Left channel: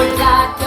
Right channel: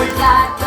or die.